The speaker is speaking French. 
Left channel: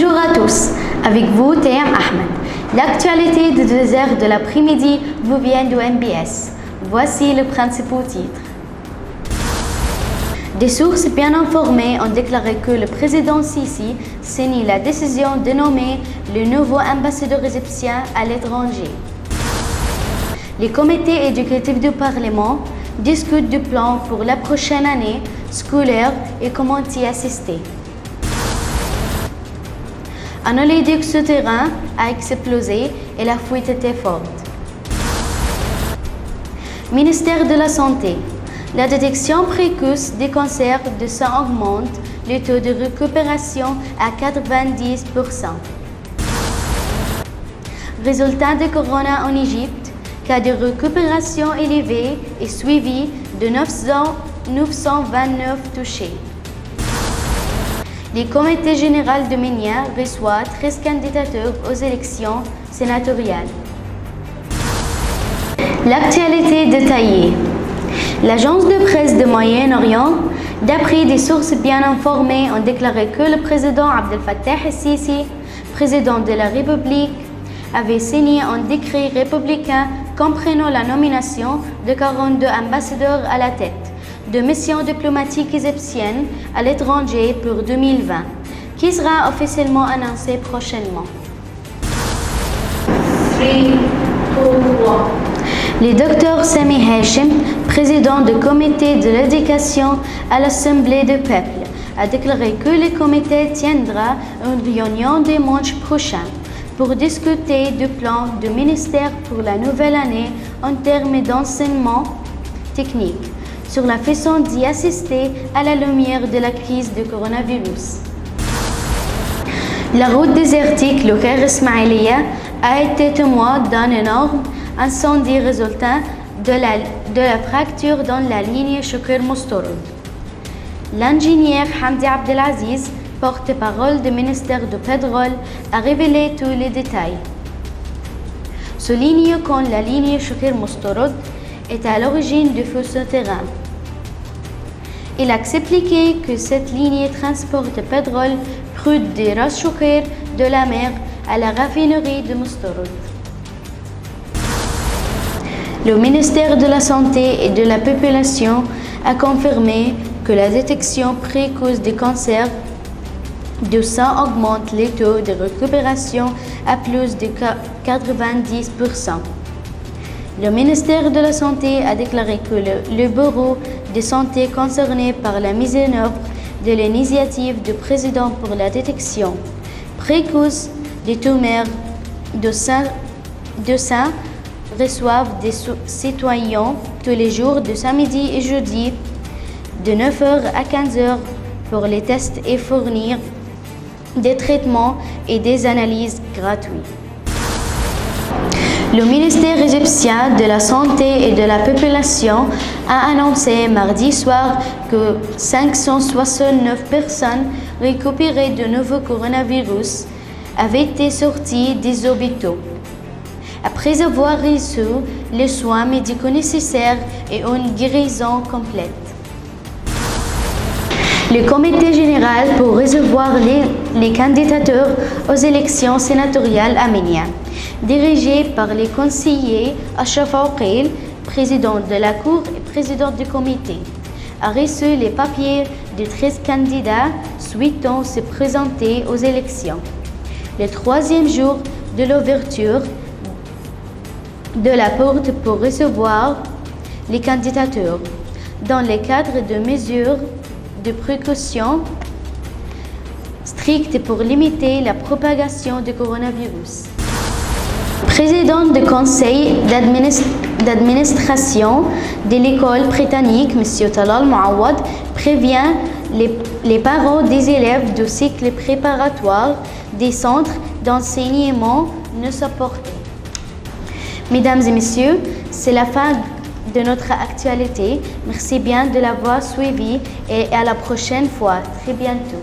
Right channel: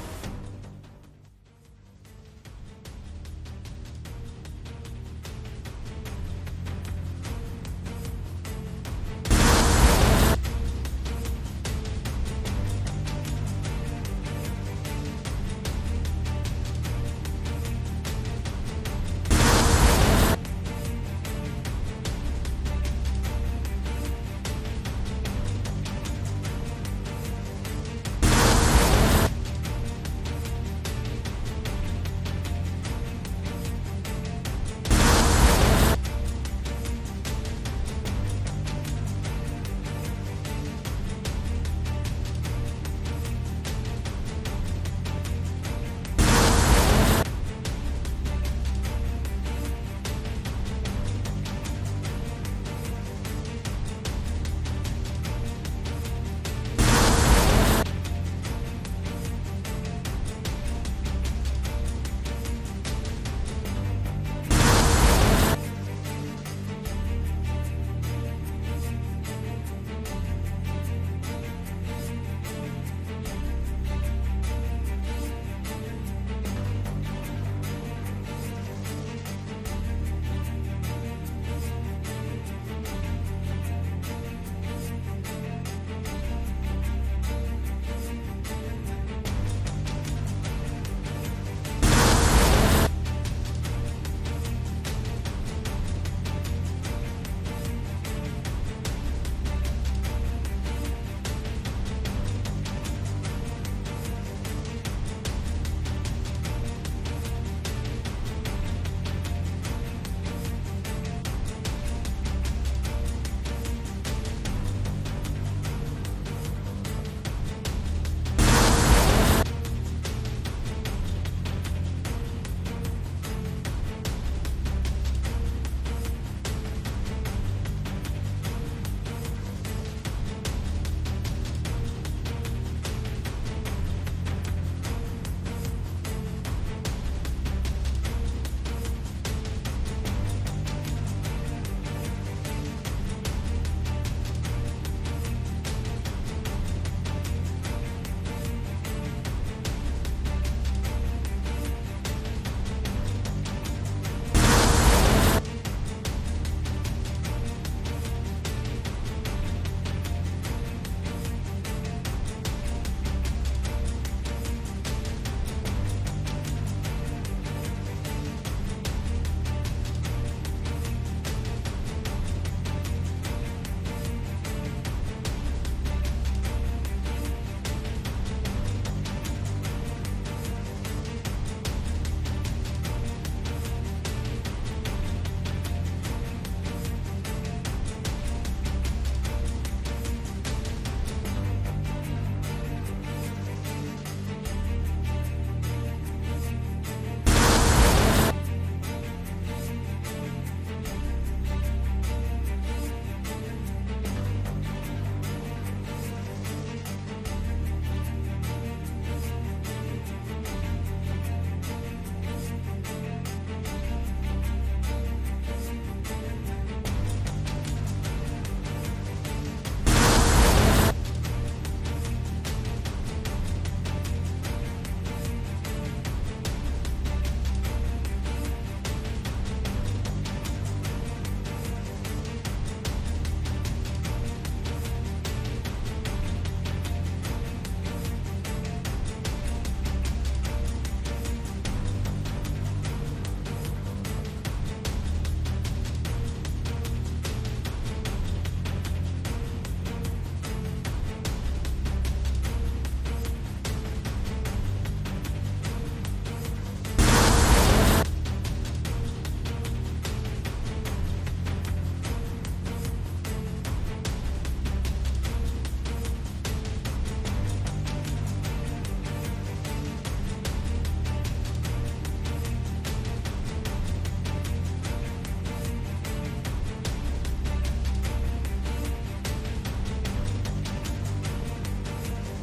Bonjour à tous, avec vous Tayam Ahmed. L'actualité de 2h de l'après-midi vous vient du MBS. Voici les principaux titres. Des sources bien informées ont déclaré que le président Sisi signe la décision de nommer le nouveau ambassadeur égyptien à l'étranger. Les comités éducatifs du Parlement discutent du plan pour la prochaine année scolaire et comment y assister. Un oléoduc souterrain a explosé et la fuite était forte. Ministère de la Santé. La détection précoce des cancers du sang augmente, le taux de récupération à 90%. Résultat de corona en Égypte, cas de récupération élevé et suivi de 929 touchés. Le comité général de Ménia reçoit 13 candidatures aux élections sénatoriales. L'actualité détaillée. L'agence de presse de Moyen-Orient, d'après des sources bien informées, ont déclaré que le président Abdel Fattah el-Sisi, président de la République, avait signé un décret républicain comprenant la nomination de 42 ambassadeurs à la tête de missions diplomatiques égyptiennes à l'étranger pour 2020, qui sera officiellement annoncé prochainement. Le Dr Sami Hashim, président du comité de l'éducation à l'Assemblée du peuple, a déclaré que le comité tiendra une réunion dimanche prochain pour discuter du plan du ministère pour la nouvelle année en termes d'enseignement technique, sur la façon d'y assister à la lumière de la crise du coronavirus. La route désertique Le Caire Ismaïlia a été témoin d'un énorme incendie résultant de la fracture dans la ligne Chouker-Moustarod. L'ingénieur Hamdi Abdelaziz, porte-parole du ministère du Pétrole, a révélé tous les détails. Souligne que la ligne Chouker-Moustarod est à l'origine du feu souterrain. Il a expliqué que cette ligne transporte le pétrole cru de Ras Chouker de la mer à la raffinerie de Moustarod. Le ministère de la Santé et de la Population a confirmé que la détection précoce des cancers du sang augmente les taux de récupération à plus de 90%. Le ministère de la Santé a déclaré que le bureau de santé concerné par la mise en œuvre de l'initiative du président pour la détection précoce des tumeurs de sein reçoivent des citoyens tous les jours de samedi et jeudi de 9h à 15h pour les tests et fournir des traitements et des analyses gratuites. Le ministère égyptien de la Santé et de la Population a annoncé mardi soir que 569 personnes récupérées de nouveau coronavirus avaient été sorties des hôpitaux, après avoir reçu les soins médicaux nécessaires et une guérison complète. Le comité général pour recevoir les candidatures aux élections sénatoriales à Ménia, dirigé par les conseillers Achraf Oukil, président de la Cour et président du comité, a reçu les papiers de 13 candidats souhaitant se présenter aux élections. Le troisième jour de l'ouverture de la porte pour recevoir les candidatures, dans le cadre de mesures de précaution strictes pour limiter la propagation du coronavirus. Président du conseil d'administration de l'école britannique, M. Talal Mouawad, prévient les parents des élèves du cycle préparatoire des centres d'enseignement ne supportés. Mesdames et messieurs, c'est la fin de notre actualité. Merci bien de l'avoir suivi et à la prochaine fois. Très bientôt.